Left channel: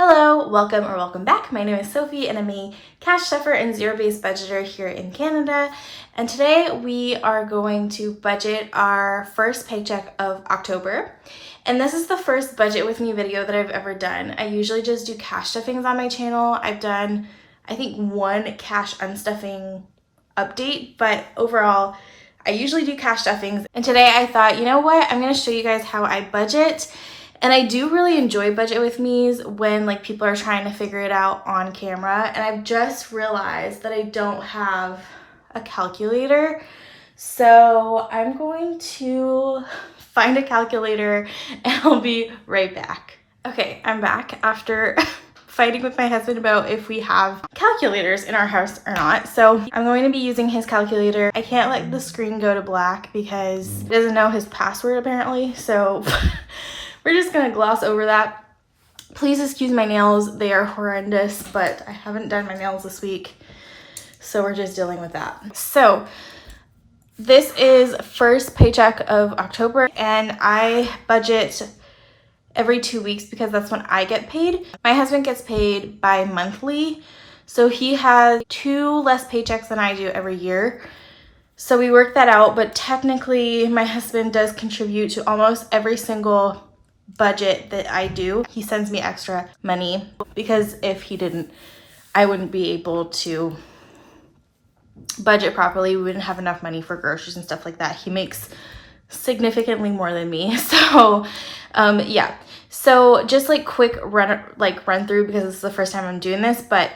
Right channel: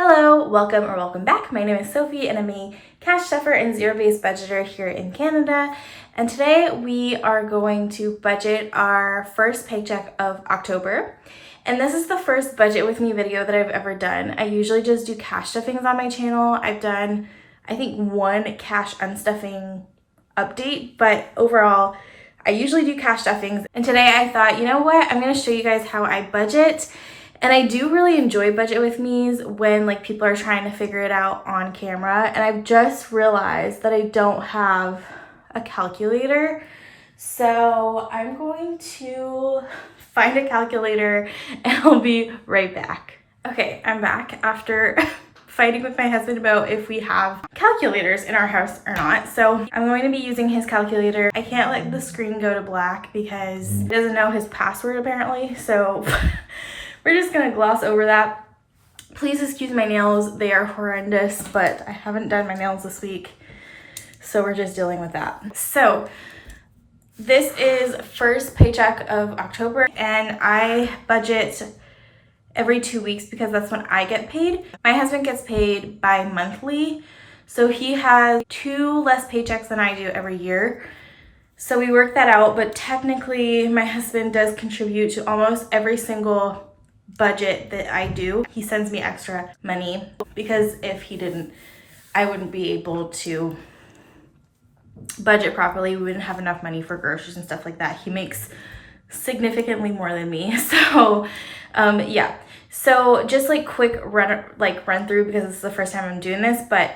Hello, welcome or welcome back. My name is Sophie and I'm a cash stuffer and zero-based budgeter here in Canada. And today we are going to budget our first paycheck of October. And this is the first budget with me video that I've ever done. I usually just do cash stuffings on my channel. I've done, I think, one cash unstuffing update, but overall, I usually do cash stuffings. And today I thought, you know what? I'm gonna show you guys how I budget. And I do really enjoy budget with me's when people are trying to figure it out on camera. And I've just realized that I don't have a calculator. So I'm going to find a calculator and I'll be right back. Okay, I'm back after fighting with my husband about if we have calculators in our house or not. So I'm going to be using his calculator. I can't let the screen go to black because he doesn't know his password apparently. So we're just gonna gloss over that. Please excuse my nails. They are horrendous, but I haven't done my nails this week. So we're just dealing with that. So this is first paycheck of October and I budget every 2 weeks because that's when I get paid. My husband gets paid bi-monthly. So he has 2 less paychecks than I do every year. So we work that out, but technically my husband does contribute to almost every single budget that I do. He sends me extra money because if he didn't, I wouldn't be able to budget properly. We wouldn't have enough money for groceries and stuff like that. He makes significantly more than me. So yeah. So just quick run through because this is the first time I'm doing this, but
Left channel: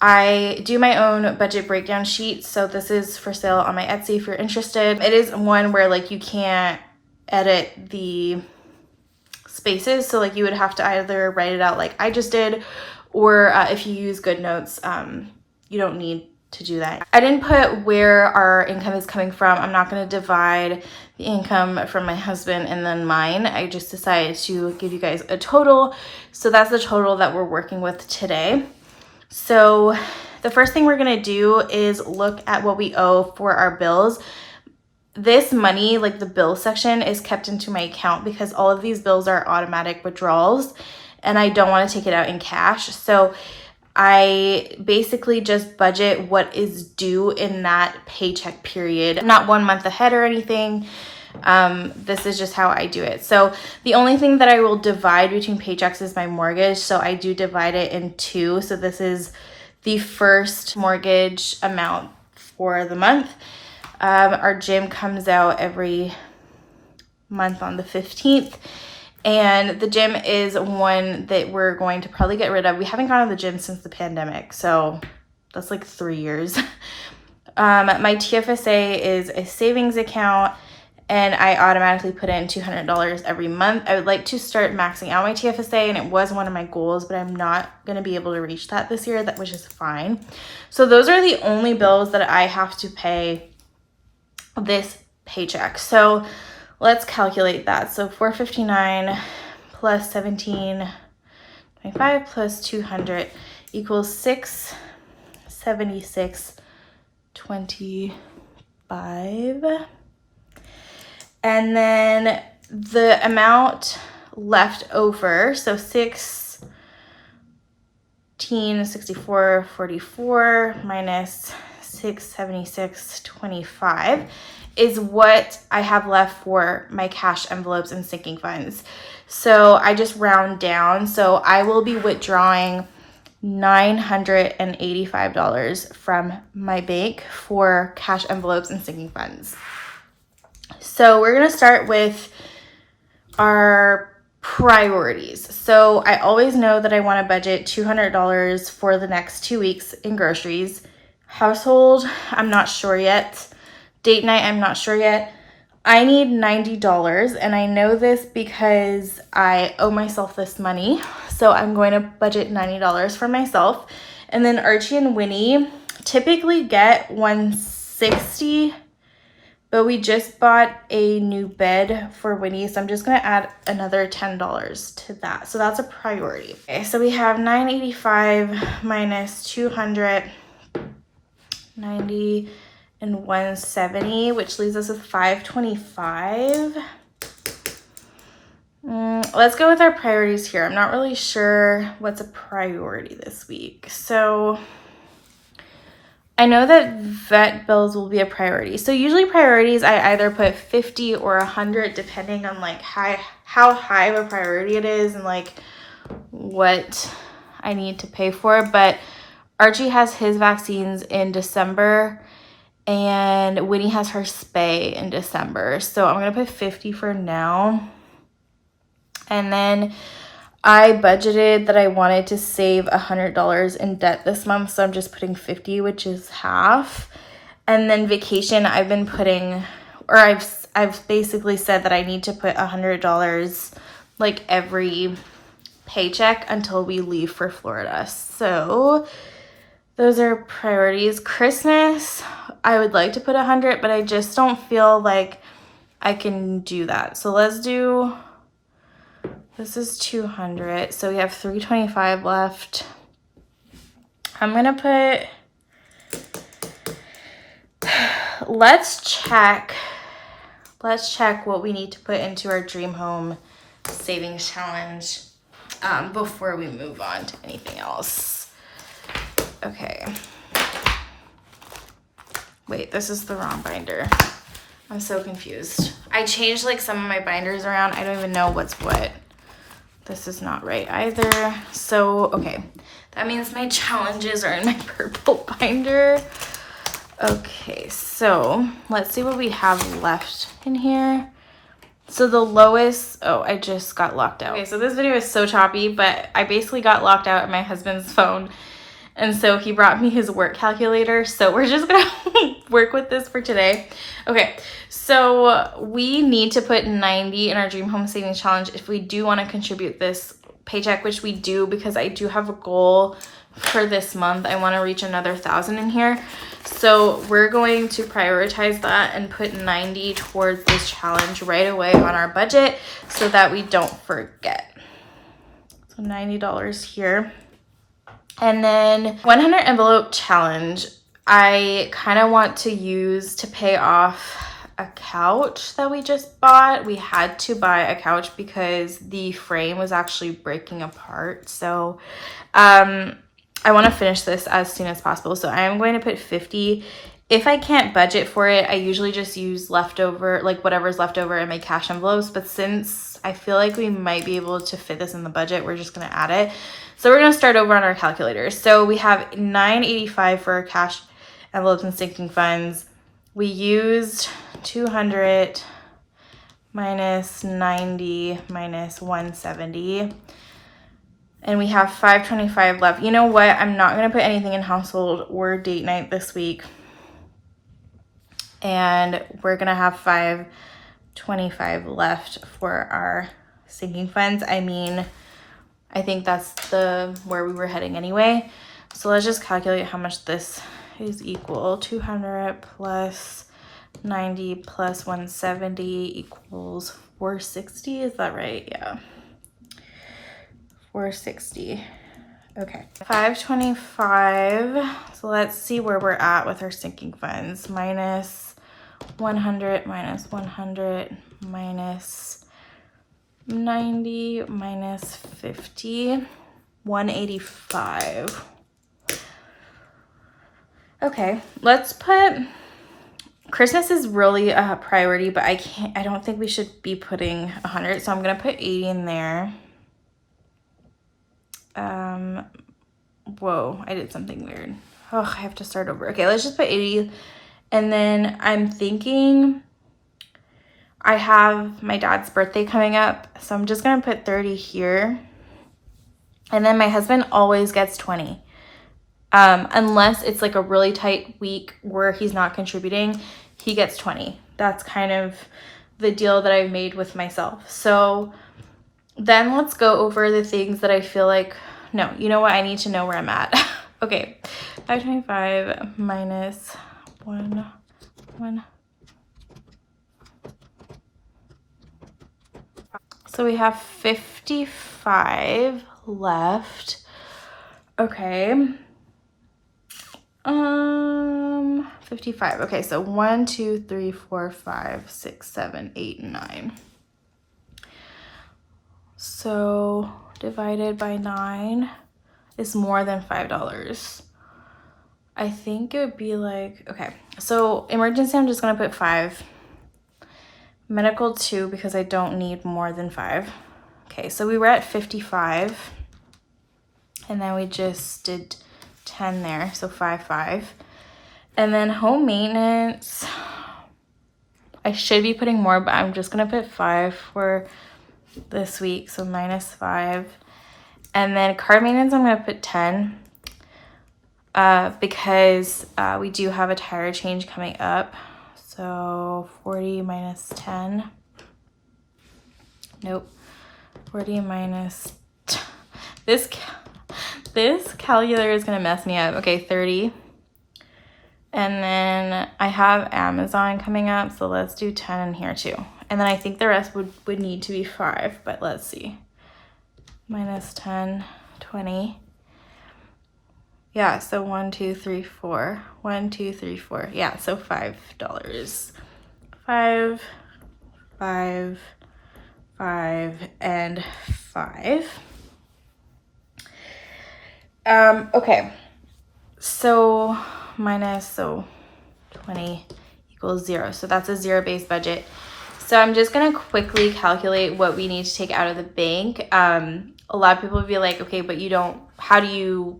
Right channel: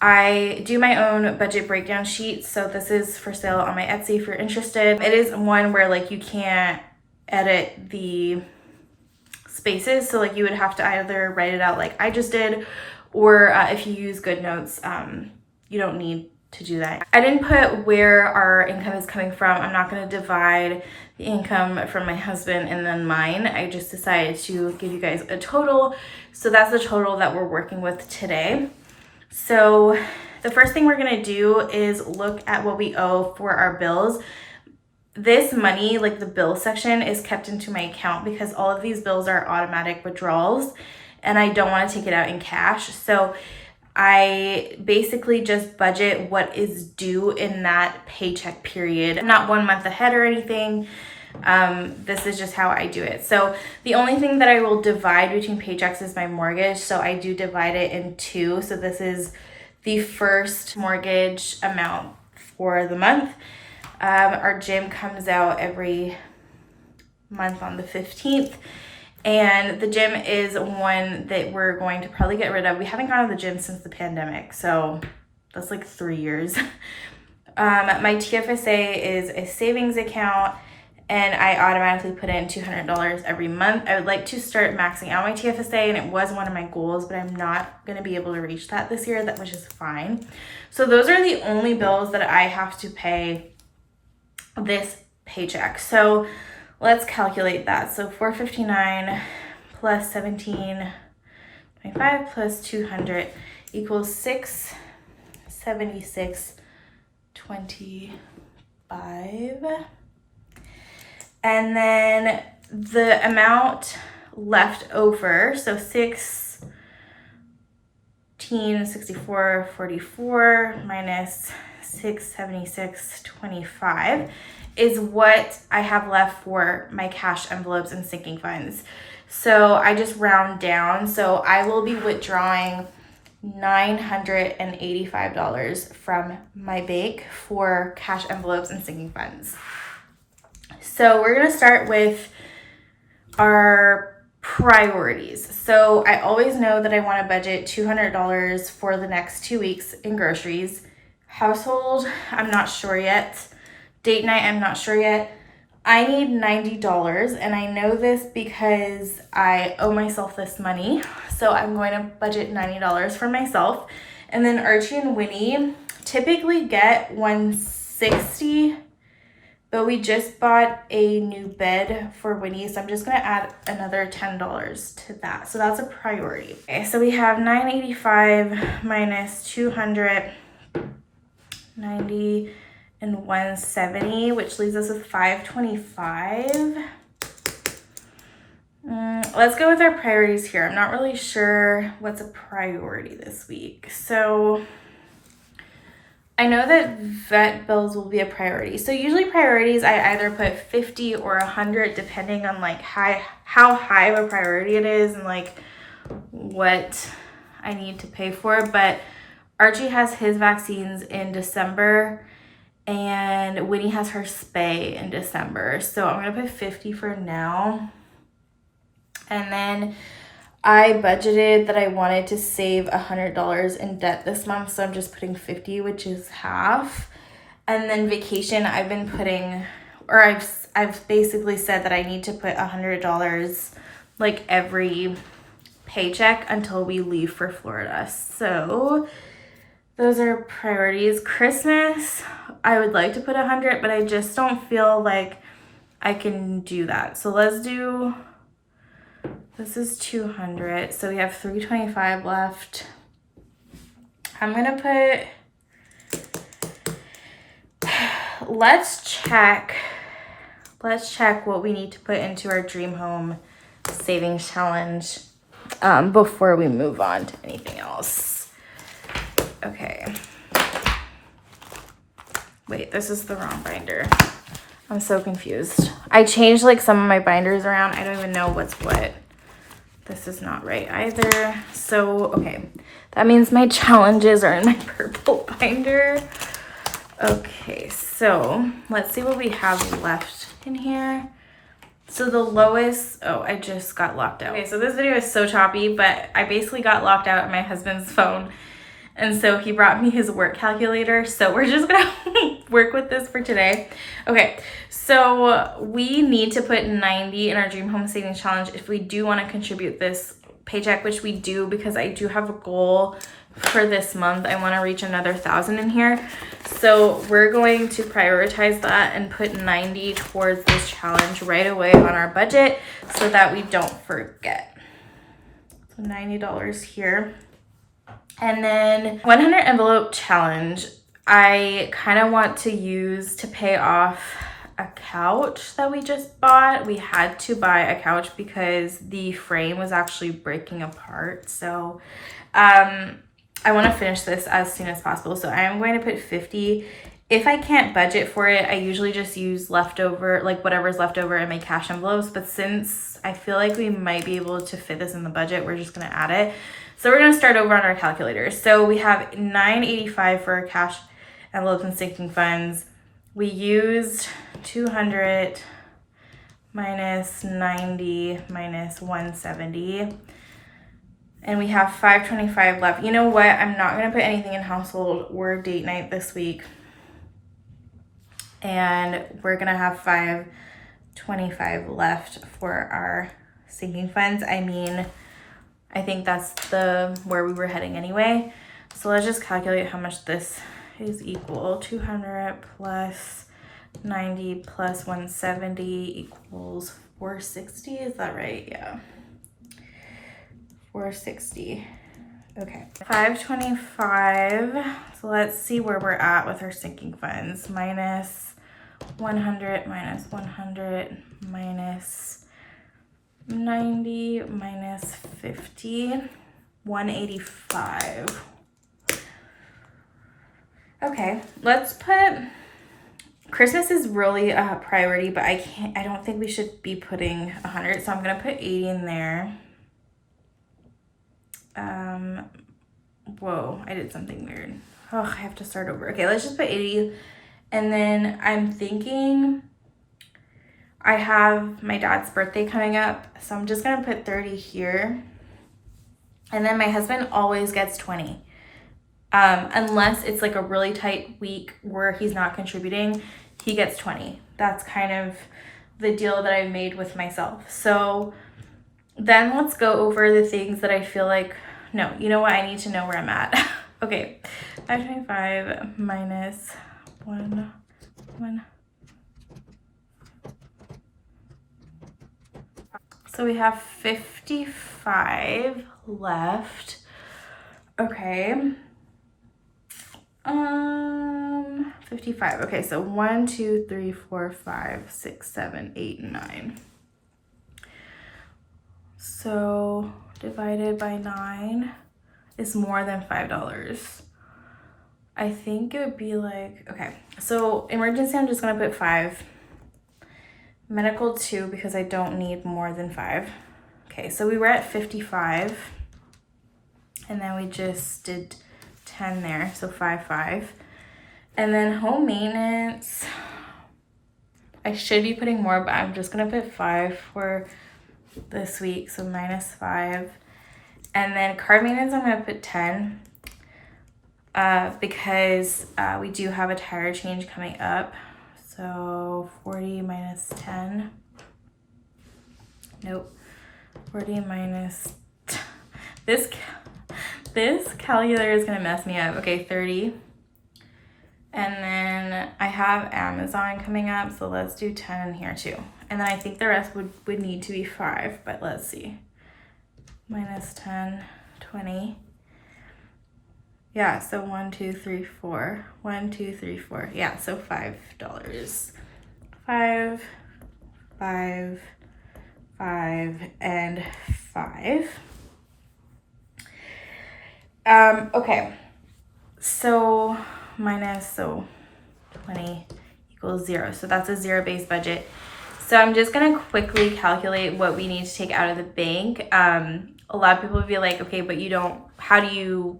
I do my own budget breakdown sheet. So this is for sale on my Etsy if you're interested. It is one where you can't edit the spaces, so you would have to either write it out like I just did, or if you use GoodNotes, you don't need to do that. I didn't put where our income is coming from. I'm not going to divide the income from my husband and then mine. I just decided to give you guys a total. So that's the total that we're working with today. So the first thing we're going to do is look at what we owe for our bills. This money, the bill section, is kept into my account because all of these bills are automatic withdrawals and I don't want to take it out in cash. So I basically just budget what is due in that paycheck period, not 1 month ahead or anything. This is just how I do it. So the only thing that I will divide between paychecks is my mortgage. So I do divide it in 2. So this is the first mortgage amount for the month. Our gym comes out every month on the 15th. And the gym is one that we're going to probably get rid of. We haven't gone to the gym since the pandemic, so that's 3 years. My TFSA is a savings account, and I automatically put in $200 every month. I would like to start maxing out my TFSA, and it was one of my goals, but I'm not going to be able to reach that this year, which is fine. So those are the only bills that I have to pay this paycheck. So let's calculate that. So $459 plus $17.25 plus 200 equals $676.25. And then the amount left over, so $1664.44 minus $676.25 is what I have left for my cash envelopes and sinking funds. So I just round down. So I will be withdrawing $985 from my bank for cash envelopes and sinking funds. So we're going to start with our priorities. So I always know that I want to budget $200 for the next 2 weeks in groceries. Household, I'm not sure yet. Date night, I'm not sure yet. I need $90, and I know this because I owe myself this money. So I'm going to budget $90 for myself. And then Archie and Winnie typically get $160, but we just bought a new bed for Winnie, so I'm just going to add another $10 to that. So that's a priority. Okay, so we have $985 minus $200, $90 and $170, which leaves us with $525. Let's go with our priorities here. I'm not really sure what's a priority this week. So I know that vet bills will be a priority. So usually priorities, I either put 50 or 100 depending on like how high of a priority it is and like what I need to pay for. But Archie has his vaccines in December and Winnie has her spay in December. So I'm going to put 50 for now. And then I budgeted that I wanted to save $100 in debt this month, so I'm just putting 50, which is half. And then vacation, I've been putting, or I've basically said that I need to put $100 like every paycheck until we leave for Florida. So those are priorities. Christmas, I would like to put 100, but I just don't feel like I can do that. So let's do. This is 200, so we have 325 left. I'm gonna put, let's check what we need to put into our dream home savings challenge before we move on to anything else. Okay. Wait, this is the wrong binder. I'm so confused. I changed like some of my binders around. I don't even know what's what. This is not right either. So, okay. That means my challenges are in my purple binder. Okay, so let's see what we have left in here. So the lowest, oh, I just got locked out. Okay, so this video is so choppy, but I basically got locked out on my husband's phone. And so he brought me his work calculator. So we're just gonna work with this for today. Okay, so we need to put 90 in our Dream Home Savings Challenge if we do want to contribute this paycheck, which we do because I do have a goal for this month. I want to reach another 1,000 in here. So we're going to prioritize that and put 90 towards this challenge right away on our budget so that we don't forget. So $90 here. And then 100 envelope challenge, I kind of want to use to pay off a couch that we just bought. We had to buy a couch because the frame was actually breaking apart. So I want to finish this as soon as possible. So I am going to put 50. If I can't budget for it, I usually just use leftover, like whatever's left over in my cash envelopes. But since I feel like we might be able to fit this in the budget, we're just going to add it. So we're going to start over on our calculator. So we have $985 for our cash envelopes and sinking funds. We used 200 minus 90 minus 170. And we have 525 left. You know what? I'm not going to put anything in household or date night this week. And we're going to have 525 left for our sinking funds. I mean, I think that's where we were heading anyway. So let's just calculate how much this is equal. 200 plus 90 plus 170 equals 460. Is that right? Yeah. 460. Okay. 525. So let's see where we're at with our sinking funds. Minus 100 minus 100 minus 90 minus 50, 185. Okay, let's put, Christmas is really a priority, but I don't think we should be putting 100, so I'm gonna put 80 in there. Whoa, I did something weird. Oh, I have to start over. Okay, let's just put 80, and then I'm thinking I have my dad's birthday coming up, so I'm just gonna put 30 here. And then my husband always gets 20. Unless it's like a really tight week where he's not contributing, he gets 20. That's kind of the deal that I've made with myself. So then let's go over the things that I feel like, no, you know what? I need to know where I'm at. Okay, 525 minus 1. So we have 55 left. Okay. 55. Okay, so 1, 2, 3, 4, 5, 6, 7, 8, 9. So divided by 9 is more than $5. I think it would be like, okay, so emergency, I'm just gonna put 5. Medical 2, because I don't need more than 5. Okay, so we were at 55, and then we just did 10 there, so 5. And then home maintenance, I should be putting more, but I'm just gonna put 5 for this week, so -5. And then car maintenance, I'm gonna put 10, because we do have a tire change coming up. So 40 minus 10, nope, 40 minus, this calculator is gonna mess me up. Okay, 30. And then I have Amazon coming up, so let's do 10 in here too. And then I think the rest would need to be 5, but let's see. Minus 10, 20. Yeah, so 1, 2, 3, 4. 1, 2, 3, 4. Yeah, so $5. 5, 5, 5, and 5. Okay. So minus, so 20 equals 0. So that's a zero-based budget. So I'm just gonna quickly calculate what we need to take out of the bank. A lot of people would be like, okay, but you don't, how do you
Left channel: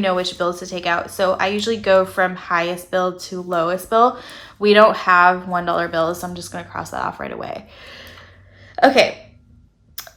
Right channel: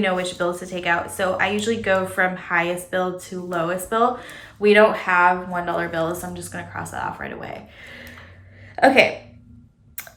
know which bills to take out? So I usually go from highest bill to lowest bill. We don't have $1 bills, so I'm just gonna cross that off right away. Okay,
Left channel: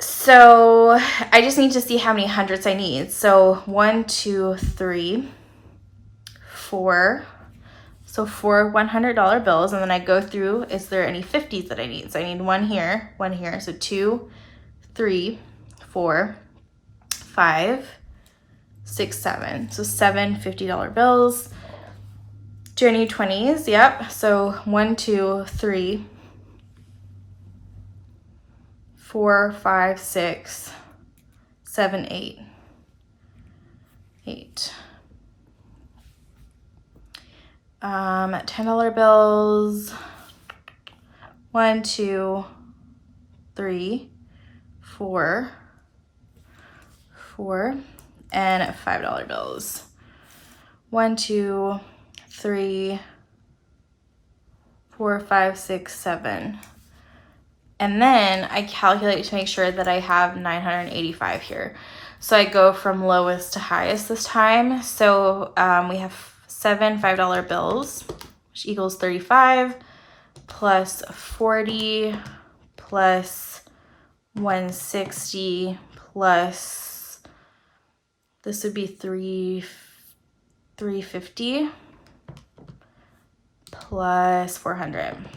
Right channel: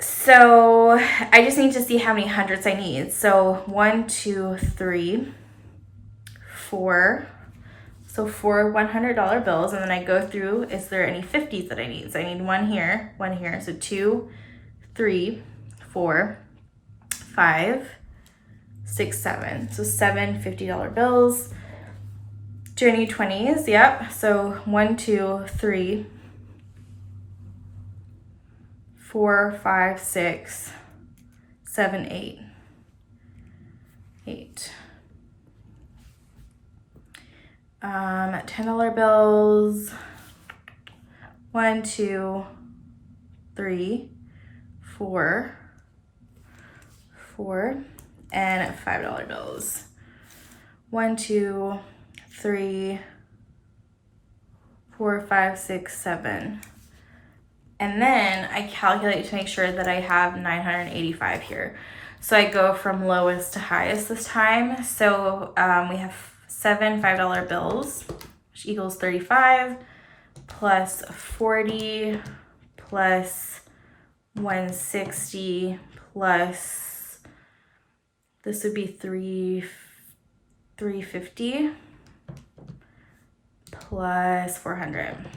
so I just need to see how many hundreds I need. So 1, 2, 3, 4. So 4 $100 bills, and then I go through, is there any 50s that I need? So I need 1 here, 1 here. So 2, 3, 4, 5, 6, 7. So 7 $50 bills. Do I need 20s? Yep. So 1, 2, 3, 4, 5, 6, 7, 8. 8. $10 bills. 1, 2, 3, 4, 4, and $5 bills. 1, 2, 3, 4, 5, 6, 7. And then I calculate to make sure that I have 985 here. So I go from lowest to highest this time. So we have 7 $5 bills, which equals 35, plus 40, plus 160, plus, this would be 350, plus 400,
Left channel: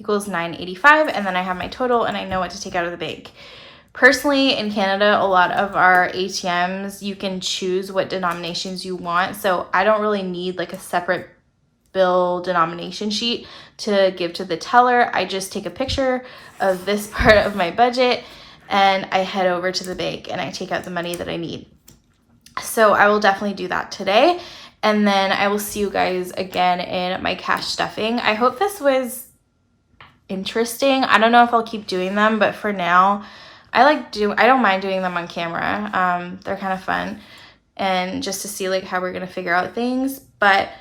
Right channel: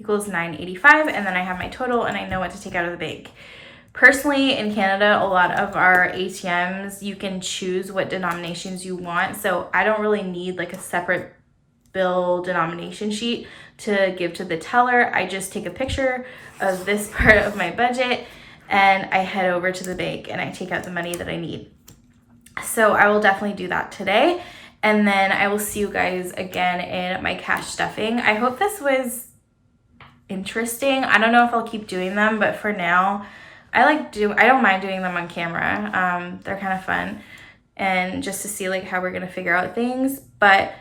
equals 985. And then I have my total, and I know what to take out of the bank. Personally, in Canada, a lot of our ATMs, you can choose what denominations you want. So I don't really need like a separate bill denomination sheet to give to the teller. I just take a picture of this part of my budget, and I head over to the bank and I take out the money that I need. So I will definitely do that today. And then I will see you guys again in my cash stuffing. I hope this was interesting. I don't know if I'll keep doing them, but for now, I don't mind doing them on camera. They're kind of fun, and just to see like how we're gonna figure out things. But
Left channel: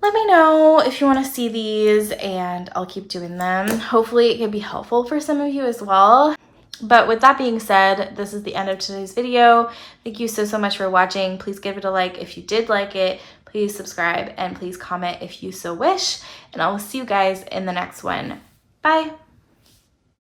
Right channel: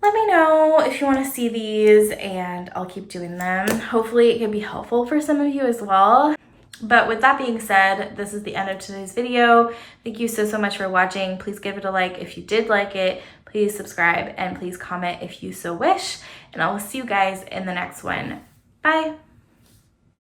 let me know if you want to see these, and I'll keep doing them. Hopefully it can be helpful for some of you as well. But with that being said, this is the end of today's video. Thank you so much for watching. Please give it a like if you did like it. Please subscribe, and please comment if you so wish. And I will see you guys in the next one. Bye.